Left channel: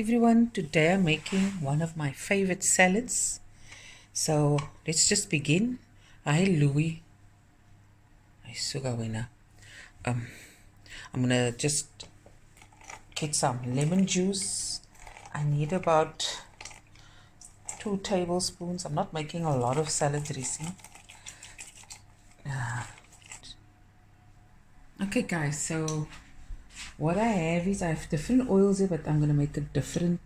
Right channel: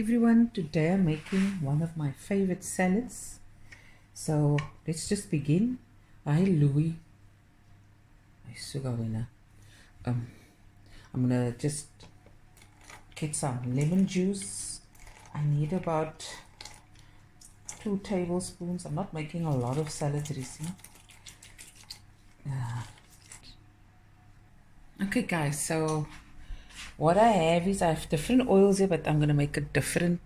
everyone, today I'm making one of my favorite salads. So let's just begin. Hi Louis. I'm gonna just get some lemon juice. I need about 2 tablespoons. I'm not making a lot of salad dressing. Okay guys, so what I have is I have different oils here, but I'm gonna make a different,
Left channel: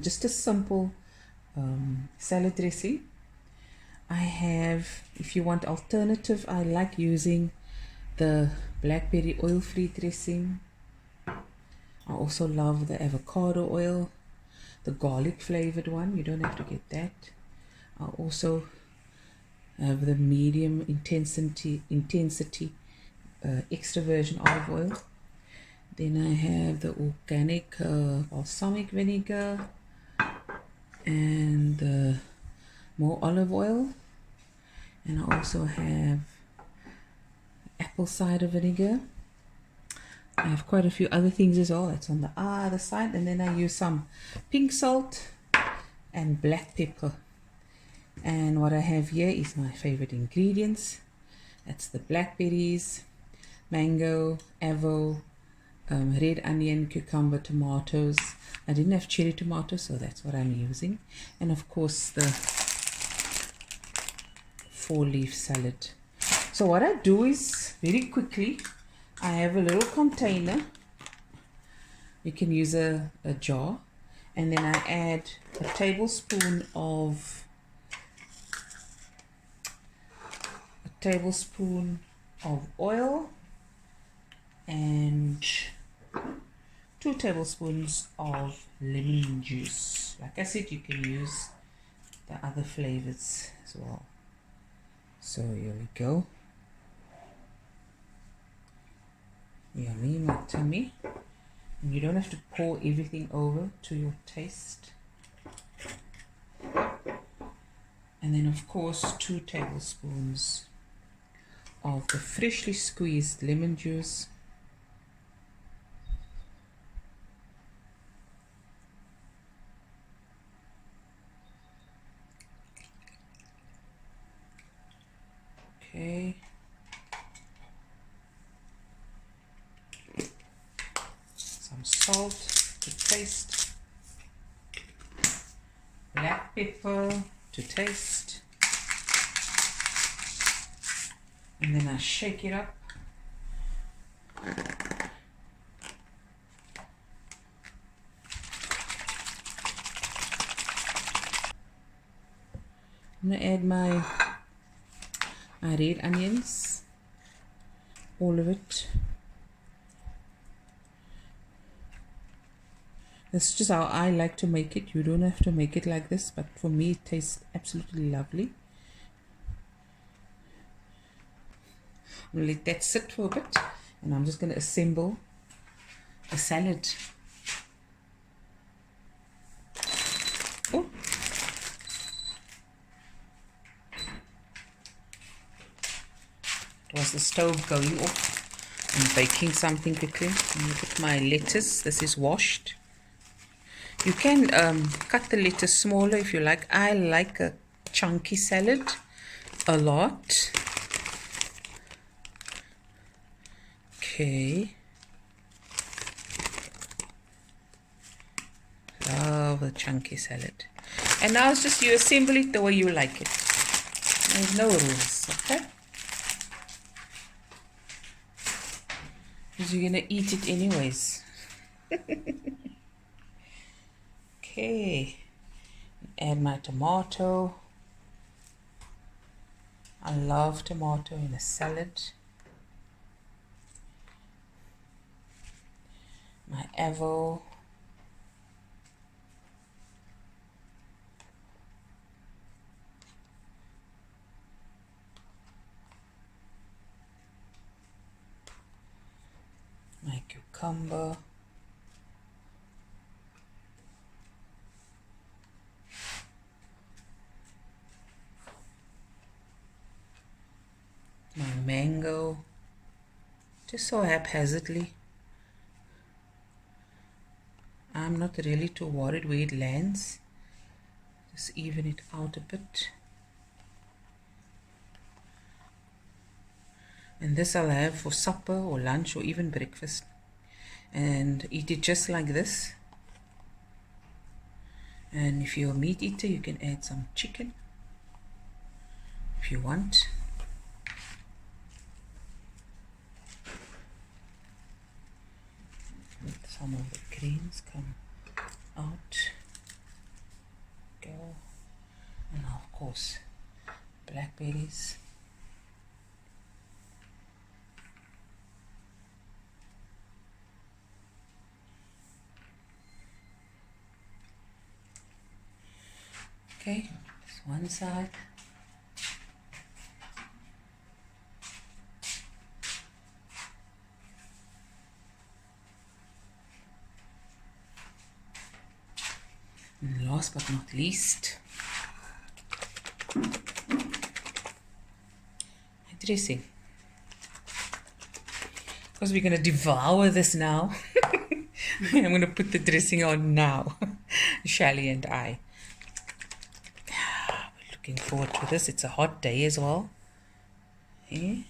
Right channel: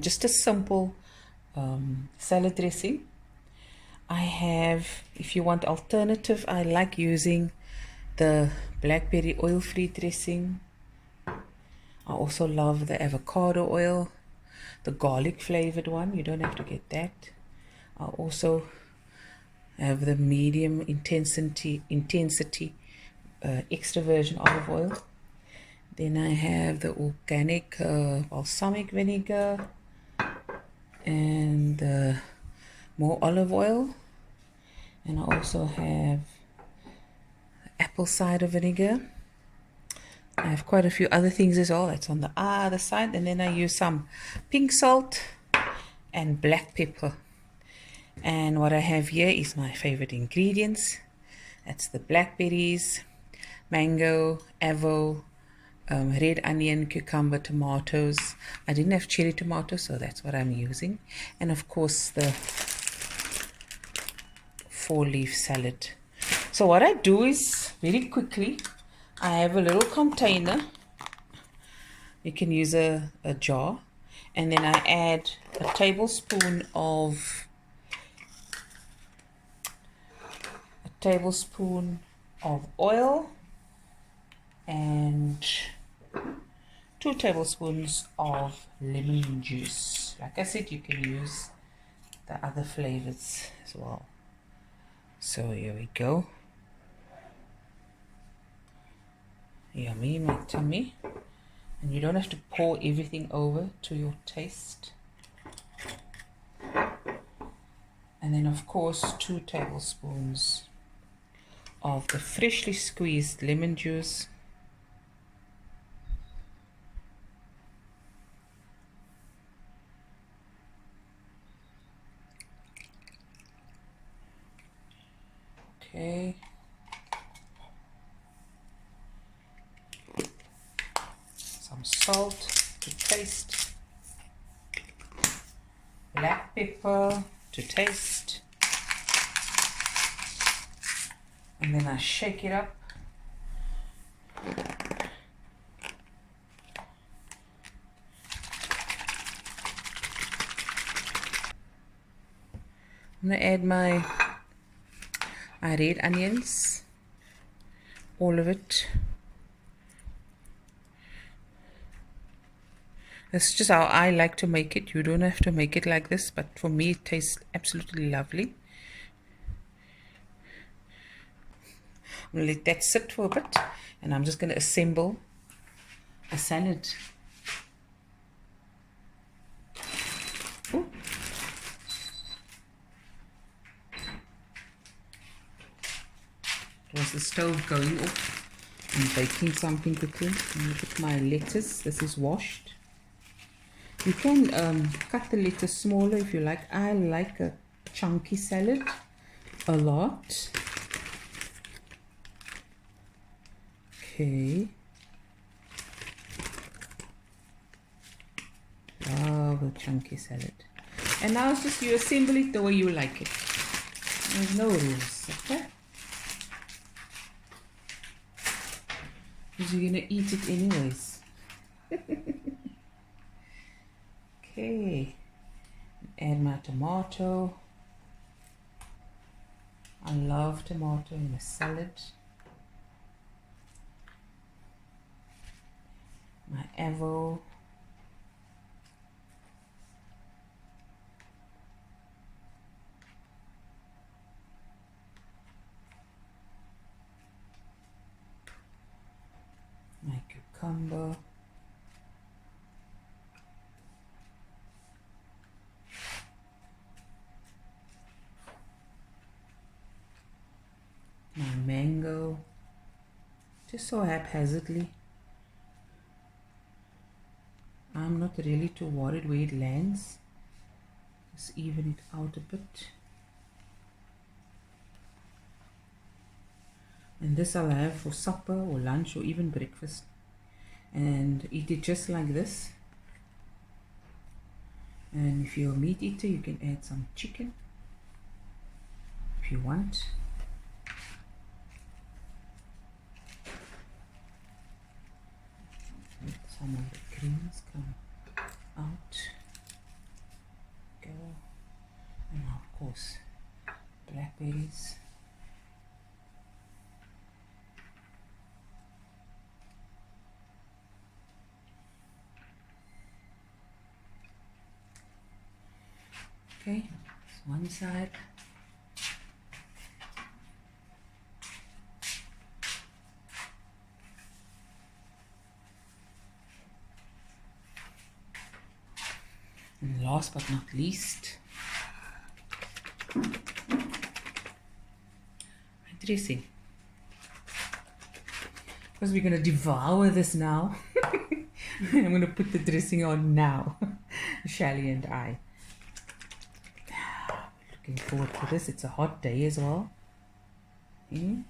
just a simple salad dressing. I have, if you want alternative, I like using the blackberry oil-free dressing. I also love the avocado oil, the garlic flavored one. You don't have to get that. I also have the medium intensity extra virgin olive oil. Then I have the organic balsamic vinegar and more olive oil. And I also have apple cider vinegar. I have quite a few other things as well. It's on the other side. And then I use some pink salt and black pepper. And what I have here is my favorite ingredients. That's the blackberries, mango, avo, red onion, cucumber, tomatoes. I didn't have cherry tomatoes, so that's what I'm using. And of course the 4-leaf salad. So what I do is, very quickly, I have a little container. You can use a jar, and then I add a tablespoon of oil and 2 tablespoons of lemon juice. Like I said, you can use the other flavors as well. So here we go. Yummy, my tummy. And you don't have to pour everything over to your taste. And then of course 2 tablespoons of the freshly squeezed lemon juice. Okay. Some salt to taste. Black pepper to taste. And then I shake it up. I'm going to add my red onions, all of it. This is just how I like to make it. You don't have to make it like this, but for me it tastes absolutely lovely. I'm going to let that sit for a bit, and I'm just going to assemble the salad. Ooh. Was the stove going off? I'm baking something quickly. I'm going to put my lettuce. This is washed. You can cut the lettuce smaller if you like. I like a chunky salad a lot. Okay. Love a chunky salad. And now it's just you assemble it the way you like it. There's no rules, okay? Because you're going to eat it anyways. Okay. Add my tomato. I love tomato in a salad. My avo. My cucumber. My mango. Just so haphazardly. I'm not really too worried where it lands. Just even it out a bit. And this I'll have for supper or lunch or even breakfast. And eat it just like this. And if you're a meat eater, you can add some chicken if you want. Some of the greens come out. Go. And of course, blackberries. Okay, this one side. And last but not least, my dressing. Because we're going to devour this now. I'm going to put the dressing on now. Shally and I. Looking forward to this. It's a hot day as well. Yeah.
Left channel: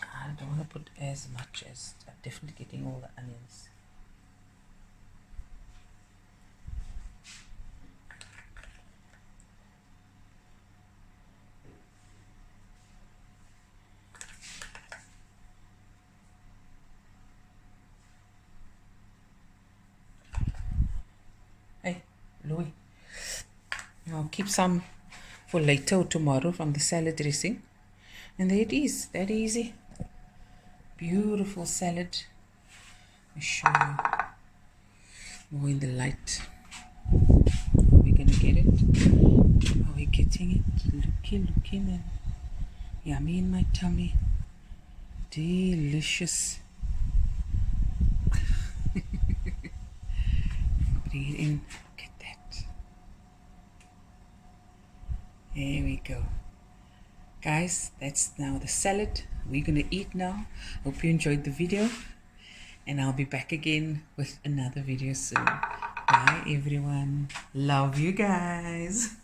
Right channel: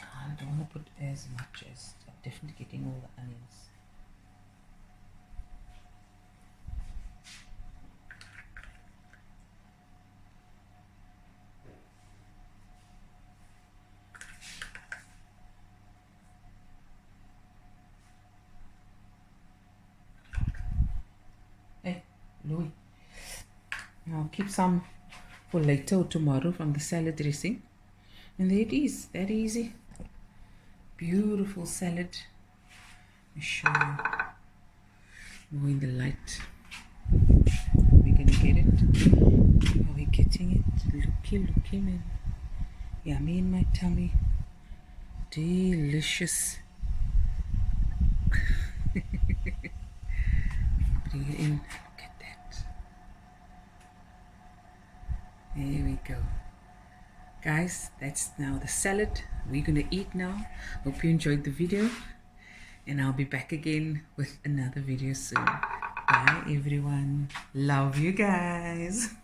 I don't want to put as much as I'm definitely getting all the onions. Hey, Louis. I'll keep some for later or tomorrow from the salad dressing. And there it is, that easy. Beautiful salad. I'll show you more in the light. How are we going to get it? How are we getting it? Looky, man. Yummy in my tummy. Delicious. Bring it in. Look at that. There we go. Guys, that's now the salad. We're going to eat now. Hope you enjoyed the video. And I'll be back again with another video soon. Bye everyone. Love you guys.